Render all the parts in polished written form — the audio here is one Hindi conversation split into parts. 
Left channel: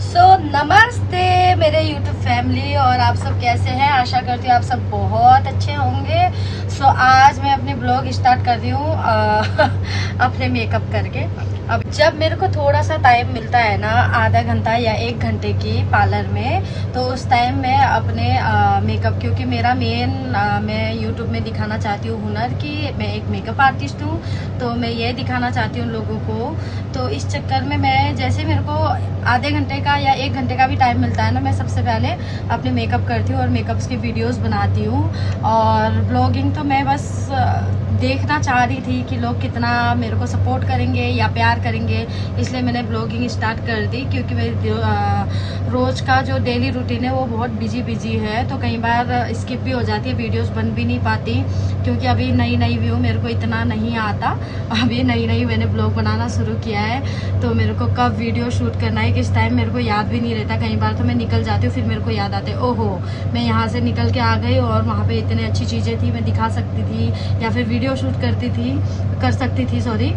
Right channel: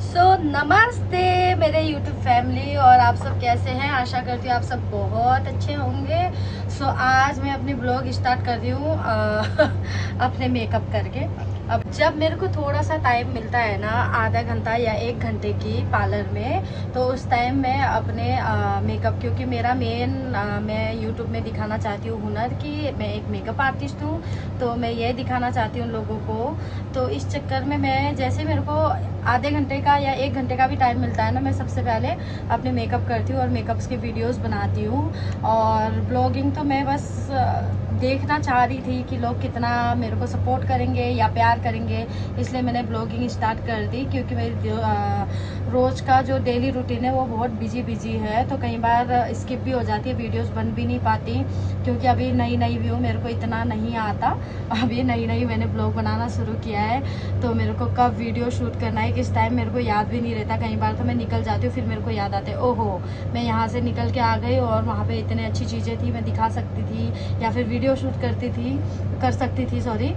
नमस्ते मेरे YouTube फैमिली, और आप सब कैसे हैं। आशा करती हूँ आप सब बहुत अच्छे होंगे। आज मैं अपनी ब्लॉग स्टार्ट कर रही हूँ अपने मेकअप करके। अब जब मेरे को थोड़ा सा टाइम मिलता है ना, आधा घंटा या 1 घंटे की पार्लर में, तो उस टाइम मैं अपने मेकअप, क्योंकि मेरा मेन मैं YouTube में दिखाना चाहती हूँ हुनर कि मैं एक मेकअप आर्टिस्ट हूँ, तो मैं ये दिखाना चाहती हूँ लोगों को। तो इस चक्कर में मैं, जैसे मेरे को आधे घंटे का या 1 घंटे का भी टाइम मिलता है ना, मैं सबसे पहले अपने मेकअप करती हूँ और मेकअप्स की वीडियोस बनाती हूँ। और ब्लॉगिंग तो मैं बस देखना चाह रही थी कि लोग कितना मेरे को सपोर्ट करेंगे या प्यार करेंगे, इसलिए मैंने ब्लॉगिंग स्टार्ट कर दी। क्योंकि मेरी रोज़ का जो डेली रूटीन है वो बहुत बिजी है, तो कई बार स्किप भी हो जाती है, वीडियोस बन भी नहीं पाती। क्योंकि अभी नई व्यू मेरे को इतना नहीं आता, अभी नई मैंने ब्लॉग बनाना शुरू किया है, तो मेरे को कब वीडियो शूट करना है किस टाइम मेरे को याद भी नहीं रहता। कई बार तो मैं निकल जाती हूँ, फिर मेरे को याद आते ओहो मैं यहाँ से निकल के आ गई और वहाँ पे इतनी अच्छी चीज़ें थी, मैं दिखा सकती थी या फिर वीडियो शूट कर सकती थी सॉरी,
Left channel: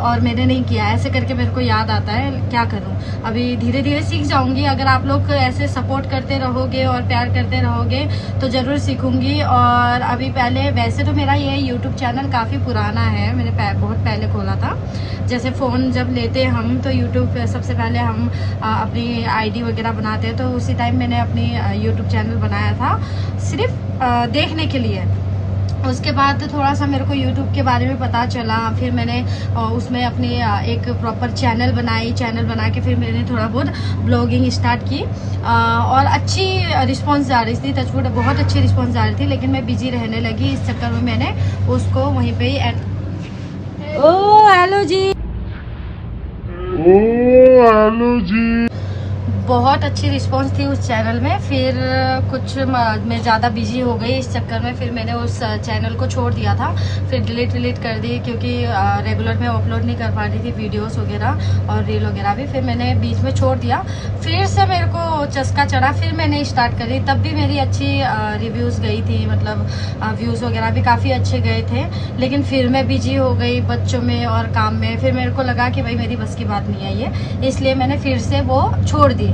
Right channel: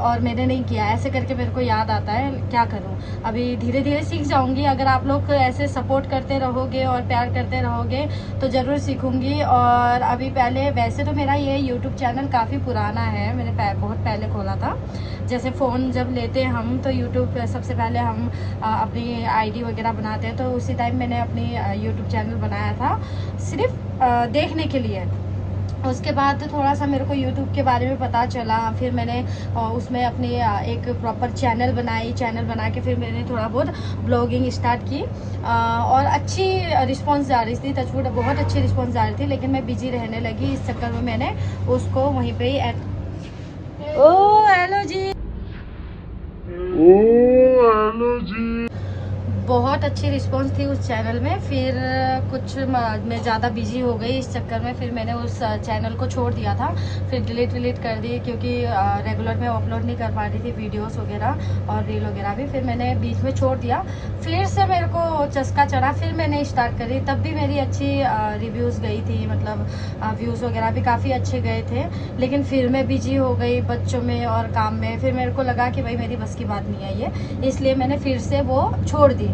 और मैंने नहीं किया। ऐसे करके मेरे को याद आता है, क्या करूँ। अभी धीरे धीरे सीख जाऊँगी, अगर आप लोग ऐसे सपोर्ट करते रहोगे और प्यार करते रहोगे तो ज़रूर सीखूँगी। और अभी पहले, वैसे तो मेरा ये यूट्यूब चैनल काफ़ी पुराना है, मैंने बहुत पहले खोला था। जैसे फ़ोन जब लेते हैं हम, तो यूट्यूब पे सबसे पहले हम अपनी आईडी वगैरह बनाते हैं, तो उसी टाइम मैंने अपनी यूट्यूब चैनल बनाया था सिर्फ देखने के लिए। उसके बाद थोड़ा सा मेरे को YouTube के बारे में पता चला, फिर मैंने उसमें अपनी एक प्रॉपर चैनल बना के फिर मैंने थोड़ा बहुत ब्लॉगिंग स्टार्ट की। और अच्छी रिस्पांस आ रही थी, टचवुड बहुत अच्छी रिस्पांस आ रही थी, लेकिन मैं बिजी रहने लगी। इस चक्कर में मैंने उसको वहीं पे ही हेलो जी, बहुत अच्छी रिस्पांस थी उस चैनल में। फिर कुछ मैं ज़्यादा बिजी हो गई, इस चक्कर में फिर मैंने उस चैनल को छोड़ दिया था, फिर डिलीट कर दी। क्योंकि रेगुलर में अपलोड नहीं कर पा रही थी वीडियोस वगैरह और रील वगैरह भी, फिर मैंने बीच में छोड़ दिया। फिर से मेरे को चस्का चढ़ा, फिर मैंने स्टार्ट करी। तब भी मेरी अच्छी रिव्यूज़ गई थी, मतलब व्यूज़ वगैरह भी काफ़ी अच्छे गए थे। लेकिन फिर मैं बिजी हो गई बच्चों में और काम में, फिर मेरे को लगा कि भाई मेरी बस की बात नहीं है ये, इसलिए मैंने फिर से वो छोड़ दी।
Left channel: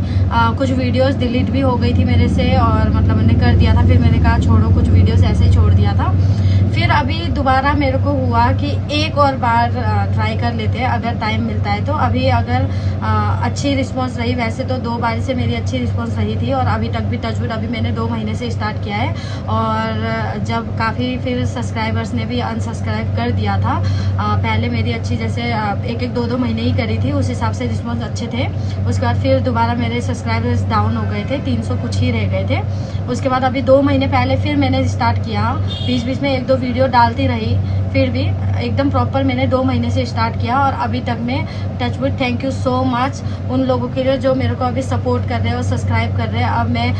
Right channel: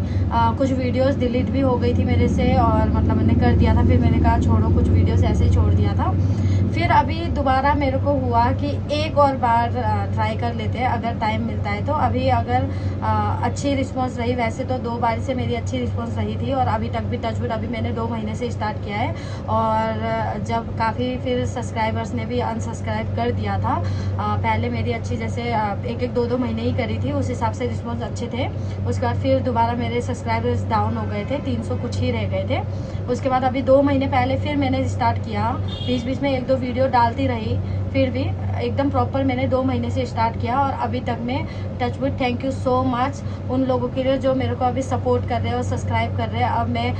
कुछ वीडियोस डिलीट भी हो गई थी मेरे से, और मतलब मैंने कर दिया था, फिर मैंने कहा छोड़ो, कुछ वीडियोस ऐसे ही छोड़ दिया था। फिर अभी दोबारा मेरे को हुआ कि एक और बार ट्राई कर लेते हैं, अगर टाइम मिलता है तो। अभी अगर अच्छी रिस्पांस रही, वैसे तो 2 बार से मेरी अच्छी रिस्पांस रही थी, और अभी तक भी टचवुड अभी मैंने 2 महीने से स्टार्ट किया है। और जब काफ़ी फिर सब्सक्राइबर्स ने भी अनसब्सक्राइब कर दिया था। पहले मेरी अच्छी, जैसे 1-2 महीने ही करी थी, उस हिसाब से रिस्पॉन्स अच्छे थे। उसके बाद फिर दोबारा मेरे सब्सक्राइबर्स डाउन हो गए थे, 300 कुछ ही रह गए थे। उसके बाद अभी 2 महीने पहले फिर मैंने स्टार्ट किया, बीच में 1-2 वीडियो डालती रही, फिर भी एकदम प्रॉपर मैंने 2 महीने से स्टार्ट किया। और अभी तक मैं touchwood, thank you so much उन लोगों के लिए जो मेरे को अभी सपोर्ट कर रहे हैं और सब्सक्राइब कर रहे हैं। अब मैं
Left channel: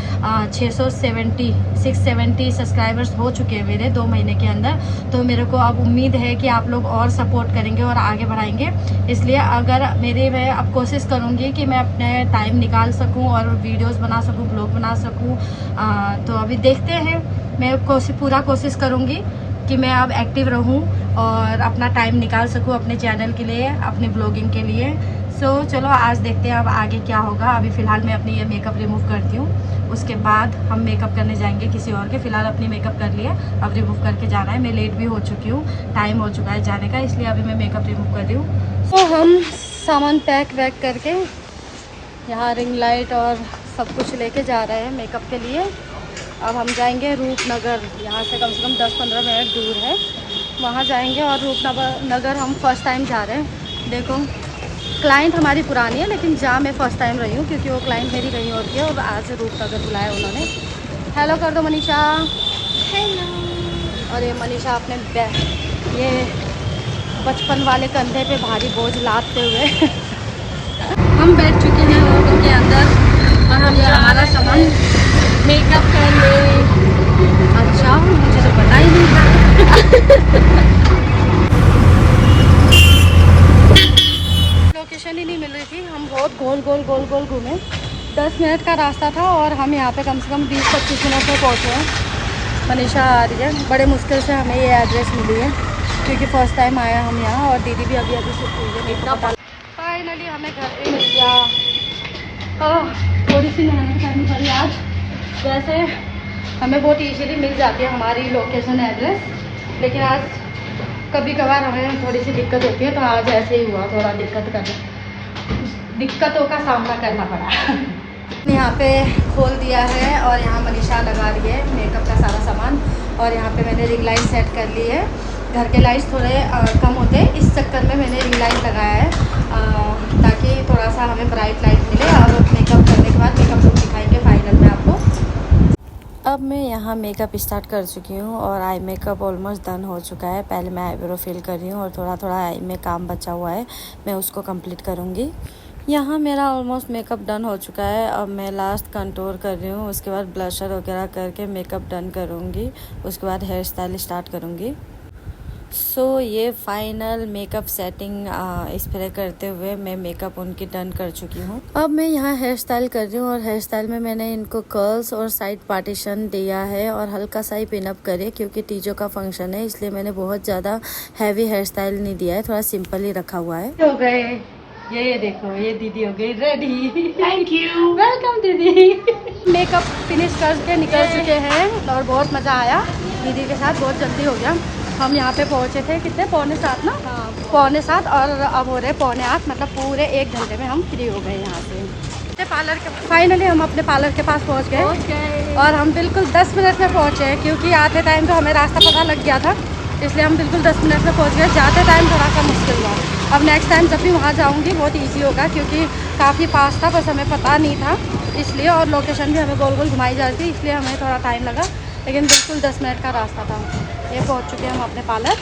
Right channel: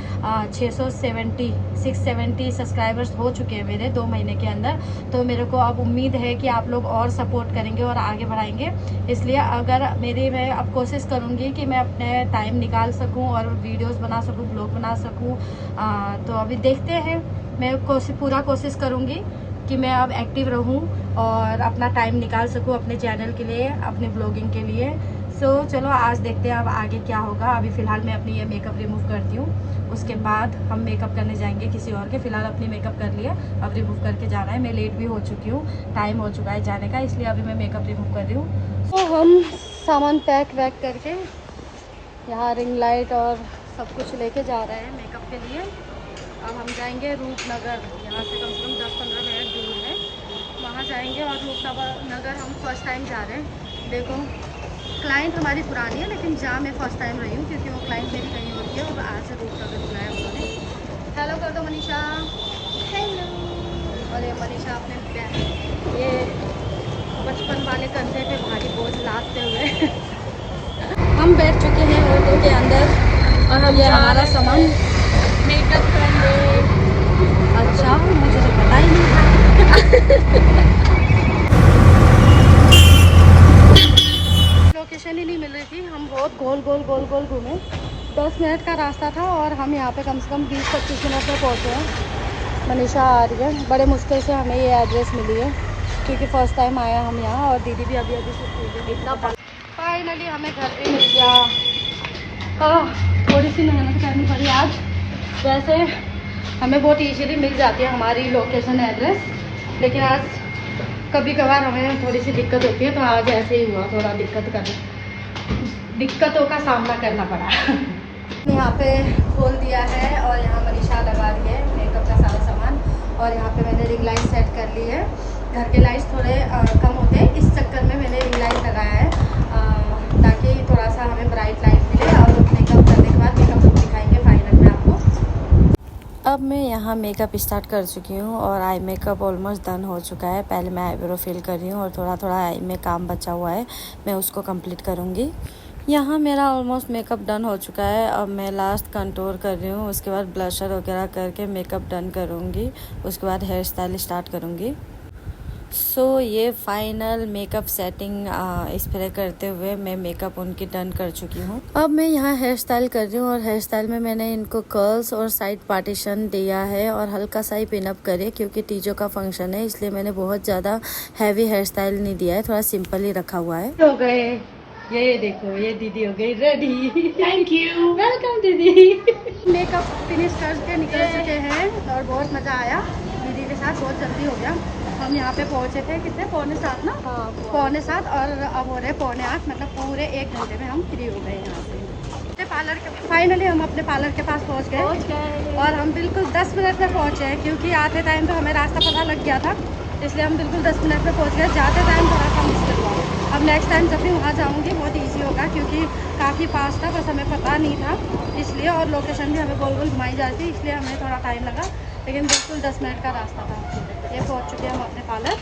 670 सब्सक्राइबर्स हो चुके हैं मेरे 2 महीने के अंदर। तो मेरे को अब उम्मीद है कि आप लोग और सपोर्ट करेंगे और आगे बढ़ाएंगे। इसलिए मैं अब कोशिश करूँगी कि मैं अपने टाइम निकाल सकूँ और वीडियोज़ बना सकूँ, ब्लॉग बना सकूँ। तो अभी देखते हैं, मैं पूरा कोशिश करूँगी कि मैं अब एक्टिव रहूं और अपना टाइम निकाल सकूं अपने चैनल के लिए, अपनी ब्लॉगिंग के लिए। चलो आज देखते हैं अब आगे क्या होगा। अभी फ़िलहाल मैं अपनी ये मेकअप रिमूव करती हूँ, उसके बाद हम मेकअप करने जाएंगे किसी और के। फ़िलहाल अपनी मेकअप कर लिया, अब रिमूव करके जाना है। मैं लेट भी हो चुकी हूँ, टाइम हो चुका है जाने का, इसलिए अभी मैं मेकअप रिमूव कर रही हूँ। तो हम सामान पैक वैक करके यहाँ रिंग लाइट और सब कुछ लेके जा रहे हैं मेकअप के लिए। अब हम जाएंगे रूपनगर, यहाँ से कम 10-15 मिनट दूर है, वहाँ जाएंगे। और रूपनगर हम फर्स्ट टाइम जा रहे हैं। देखो, क्लाइंट हमारी पुरानी है, लेकिन जहाँ मैं फ़र्स्ट टाइम रही हूँ, क्योंकि वो क्लाइंट मेरी रही होती है, और आज रूपनगर बुलाया उन्होंने। हेलो कर दो मनीषा। हेलो। और ये मनीषा अपने ये बचपन वाले कंधे पे भारी बोझ लादते हुए हम बैठ चुके हैं ऑटो के अंदर, और हम ये हमारा सामान मेकअप कर ले। अच्छा, मुझे तो पता ही नहीं था लोकेशन ही नहीं मिल रही थी, हम बहुत गोल घूमे। 10 मिनट का रास्ता था और हम यहाँ पे कम से कम 20-25 मिनट में पहुँचे हैं। मनीषा आ रही है, बड़े मुश्किल से हमें ये एड्रेस मिली है, क्योंकि फ़र्स्ट टाइम आया हम यहाँ, और दीदी भी अभी शिफ्ट हुई है। फाइनली हमें घर पे मिल गया। थोड़ी सी मेहनत करनी पड़ी आज। वैसे हमें बहुत इजीली मिल जाती है हमारी लोकेशन एड्रेस, लेकिन आज कभी कभार हमें थोड़ी सी दिक्कत होती है, तो आज ऐसे ही हुआ, थोड़ा दिक्कतों का सामना करना पड़ा। यहाँ पे खोल दिया है और यहाँ मनीषा लगा रही है मेकअप का सारा सामान, और यहाँ पे मैंने रिंग लाइट सेट कर ली है। घर के लाइट्स थोड़े कम होते हैं, इस चक्कर में मैंने रिंग लाइट लगाया है ताकि थोड़ा सा हमें ब्राइट लाइट मिले। अब मेकअप करने के बाद मेकअप लुक दिखाएंगे फाइनल में आपको। अब मैं यहाँ मेकअप स्टार्ट कर चुकी हूँ और आई मेकअप ऑलमोस्ट डन हो चुका है। पहले मैं आईब्रो फिल कर रही हूँ और थोड़ा थोड़ा आई में काम बचा हुआ है, मैं उसको कंप्लीट करूँगी। यहाँ मेरा ऑलमोस्ट मेकअप डन हो चुका है। अब मैं लास्ट कंटूर कर रही हूँ, उसके बाद ब्लशर वगैरह करके मेकअप डन करूँगी, उसके बाद हेयर स्टाइल स्टार्ट करूँगी। सो ये फाइनल मेकअप सेटिंग स्प्रे करते हुए मैं मेकअप उनकी डन कर चुकी हूँ। अब मैं यहाँ हेयर स्टाइल कर रही हूँ और हेयर स्टाइल में मैंने इनको कर्ल्स और साइड पार्टीशन दिया है और हल्का सा ही पिनअप करे, क्योंकि तीजों का फंक्शन है, इसलिए मैंने बहुत ज़्यादा हैवी हेयर स्टाइल नहीं दिया है, थोड़ा सिंपल ही रखा हुआ है। हो गए ये देखो, ये दीदी हो गई रेडी। थैंक यू, वेलकम दीदी। मेकअप फिनिश करके निकल चुके हैं और बहुत मज़ा आया दीदी के साथ, बहुत जल्दी हो गया। हम यहाँ पे पहुँचे थे कितने, 7:45 ना? हाँ, 7:45 और अब हो रहे 7:45, मतलब पूरे 1 घंटे में हम फ्री हो गए यहाँ से पार्लर के। फाइनली हम अपने पार्लर के पास पहुँच गए और हम बिल्कुल 10 मिनट में पहुँचे हैं, क्योंकि आते टाइम तो हमें रास्ता पता लग गया था, इसलिए हम बिल्कुल 10 मिनट में पहुँच गए। जाते टाइम थोड़ा सा मुश्किल हुआ। अब नेक्स्ट टाइम जब भी वहाँ जाऊँगी बहुत ईजी होगा, क्योंकि काफ़ी पास था, बस हमें पता नहीं था इसलिए, और लोकेशन भी हमें गोल गोल घुमाई जा रही थी, इसलिए हमें थोड़ा टाइम लगा, लेकिन बिल्कुल 10 मिनट का रास्ता था। ये पहुँच चुके हैं हम अपने पार्लर।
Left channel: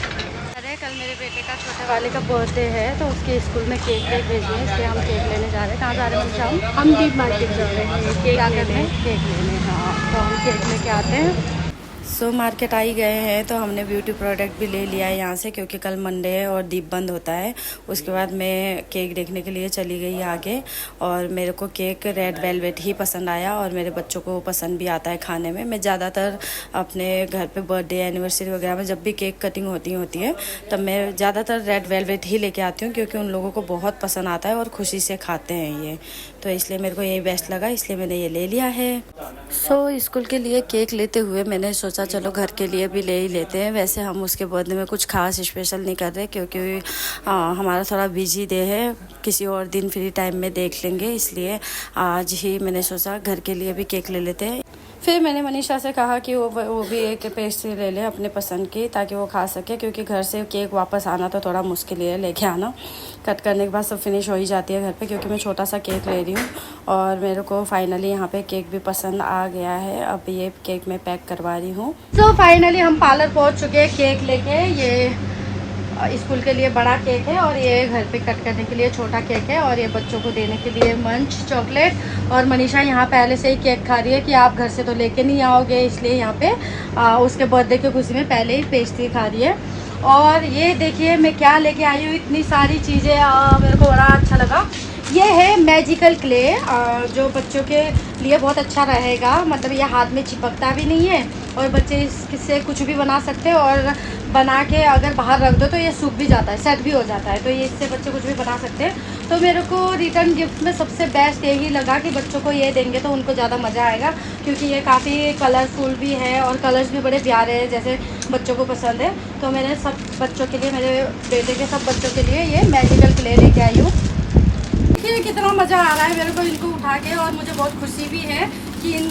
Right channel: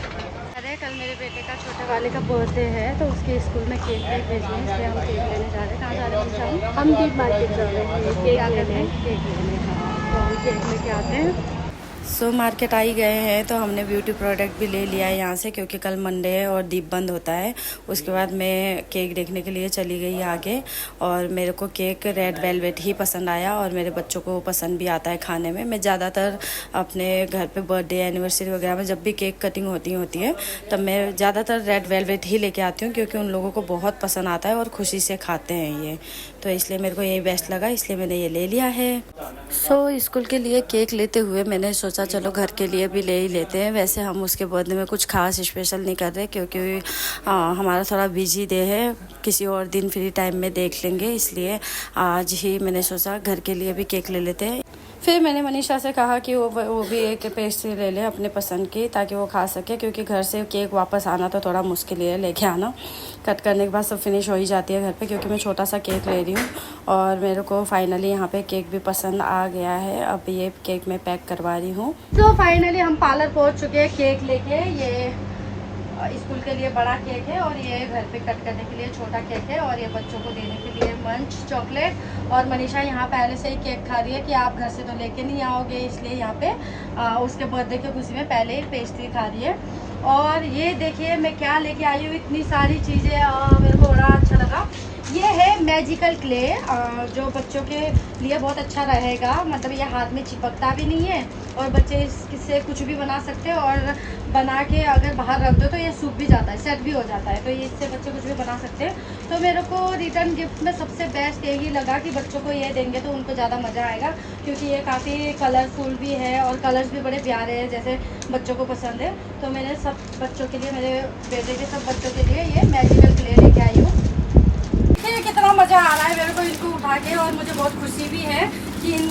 अरे कल मेरे बेटे का छोटे वाले का बर्थडे है, तो उसके स्कूल में केक भेजने हैं, इसलिए हम केक लेने जा रहे हैं। कहाँ जा रहे हैं हम डीप मार्केट जा रहे हैं केक लेने। हाँ, तो हम केक लेके आते हैं। सो मार्केट आ ही गए हैं, तो हमने ब्यूटी प्रोडक्ट भी ले लिया है यहाँ से, क्योंकि कल मंडे है और दीप बंद होता है। उसके बाद मैं केक देखने के लिए चली गई आगे, और मेरे को केक रेड वेलवेट ही पसंद आया, और मेरे बच्चों को पसंद भी आता है खाने में। मैं ज़्यादातर अपने घर पे बर्थडे एनिवर्सरी वगैरह में जब भी केक कटिंग होती है तब मैं ज़्यादातर रेड वेलवेट ही लेके आती हूँ, क्योंकि उन लोगों को बहुत पसंद आता है और खुशी से खाते हैं ये, तो इसलिए मेरे को यही बेस्ट लगा, इसलिए मैंने ये ले लिया है। सो स्कूल के लिए केक लेते हुए मैंने सोचा चलो घर के लिए भी ले ही लेते हैं। वैसे हम उसके बर्थडे में कुछ खास स्पेशल नहीं कर रहे, क्योंकि हमारा थोड़ा बिजी डे है, किसी और दिन फ्री टाइम में देख लेंगे, इसलिए आज ही मैंने सोचा घर के लिए भी केक ले लेते हैं। फिर मैंने मनीषा से कहा कि वो भी एक पेस्ट्री ले ले अपने पसंद की, ताकि वो खा सके, क्योंकि घर से केक वापस आना तो थोड़ा मुश्किल है लेके आना। कट करने के बाद सब फिनिश हो ही जाती है घर पे, क्योंकि मैं छोटा सा केक ले रही हूँ, और मेरे को फाइनली यहाँ पे केक भी पसंद आ गया है। अब ये केक मैं पैक करवा रही हूँ। तो फाइनली हम पार्लर पहुँच चुके हैं केक लेके। ये स्कूल के लिए बड़ा केक है, और ये घर पे कट करने के लिए छोटा केक है, और ये बच्चों को देने के लिए मंच चॉकलेट। और मनीषा यहाँ पहले से ही केक खा रही है कि आप घर से तो लेके नहीं आओगे, इसलिए यहाँ पे उसके बर्थडे की खुशी में पहले ही पेस्ट्री खा रही है। और ये देखिए मैं क्या लेके आई हूँ, इतनी सारी चीज़ें, मेरे को बड़ा अच्छा लगा। ये है मैजिकल क्ले, जो बच्चों के लिए बहुत अच्छा रहेगा, मतलब ये हाथ में चिपकता भी नहीं है, और बच्चे इससे कुछ भी बना सकते हैं, और बना के अगर बाहर रख दो तो ये सूख भी जाता है, सेट भी हो जाता है, तो ये इससे बच्चे कुछ भी बना सकते हैं। तो मेरे को रिटर्न गिफ्ट में सबसे बेस्ट यही लगा कि बच्चों को ये देंगे तो उनको ज़्यादा मज़ा आएगा, क्योंकि ये काफ़ी कलरफुल भी है और कलर्स भी बड़े प्यारे हैं, जैसे बच्चों को पसंद है। तो मैंने सब बच्चों के लिए, मेरे बेटे के सब बच्चों के लिए ये मैजिकल क्ले लेके आई हूँ। कितना मज़ा आ रहा है मेरे को इनको उठा के, और मुझे बहुत खुशी भी है कि इन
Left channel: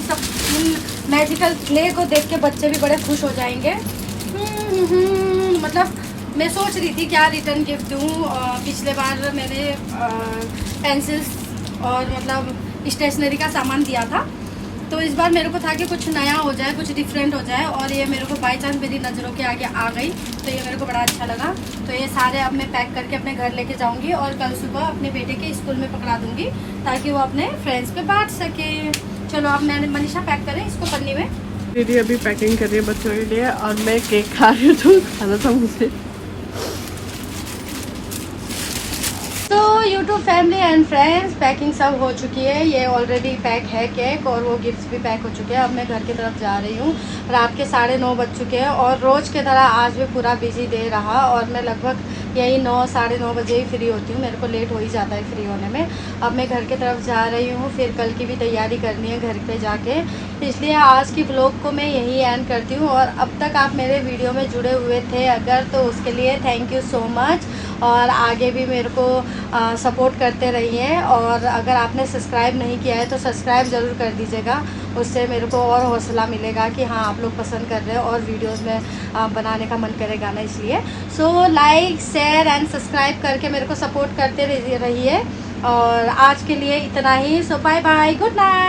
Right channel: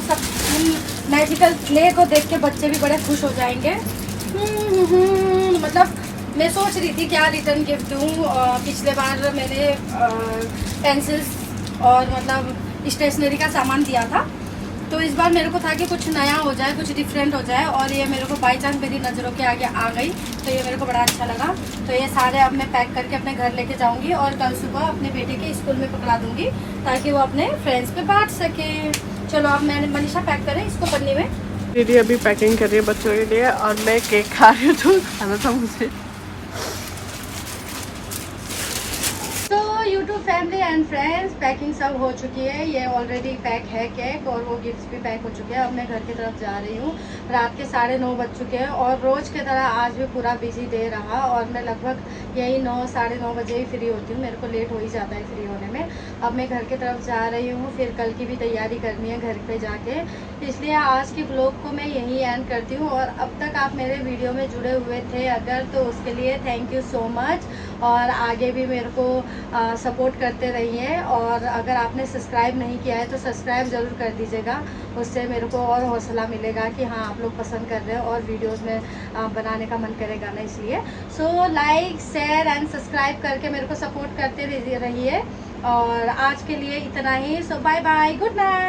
मैजिकल क्ले को देख के बच्चे भी बड़े खुश हो जाएंगे। मतलब मैं सोच रही थी क्या रिटर्न गिफ्ट दूँ। पिछले बार मैंने पेंसिल्स और मतलब स्टेशनरी का सामान दिया था, तो इस बार मेरे को था कि कुछ नया हो जाए, कुछ डिफरेंट हो जाए, और ये मेरे को बाई चांस मेरी नज़रों के आगे आ गई, तो ये मेरे को बड़ा अच्छा लगा। तो ये सारे अब मैं पैक करके अपने घर लेके जाऊंगी, और कल सुबह अपने बेटे के स्कूल में पकड़ा दूंगी, ताकि वो अपने फ्रेंड्स पे बांट सके। चलो अब मैंने मनीषा पैक करें इसको पन्नी में। दीदी अभी पैकिंग कर रही है बच्चों के लिए, और मैं केक खा रही हूँ, तो खाना था मुझे। तो YouTube family and friends, packing सब हो चुकी है, ये ऑलरेडी पैक है केक, और वो गिफ्ट्स भी पैक हो चुके हैं। अब मैं घर की तरफ जा रही हूँ। रात के 9:30 बज चुके हैं, और रोज़ की तरह आज भी पूरा बिजी डे रहा, और मैं लगभग यही 9 साढ़े 9 बजे ही फ्री होती हूँ, मेरे को लेट हो ही जाता है फ्री होने में। अब मैं घर की तरफ जा रही हूँ, फिर कल की भी तैयारी करनी है घर पे जाके, इसलिए आज की ब्लॉग को मैं यही एंड करती हूँ। और अब तक आप मेरे वीडियो में जुड़े हुए थे अगर, तो उसके लिए थैंक यू सो मच, और आगे भी मेरे को सपोर्ट करते रहिए। और अगर आपने सब्सक्राइब नहीं किया है तो सब्सक्राइब ज़रूर कर दीजिएगा, उससे मेरे को और हौसला मिलेगा कि हाँ आप लोग पसंद कर रहे हो और वीडियोस में बनाने का मन करेगा ना, इसलिए so like share and subscribe करके मेरे को सपोर्ट करते रहिए। और आज के लिए इतना ही, सो बाय बाय, गुड नाइट।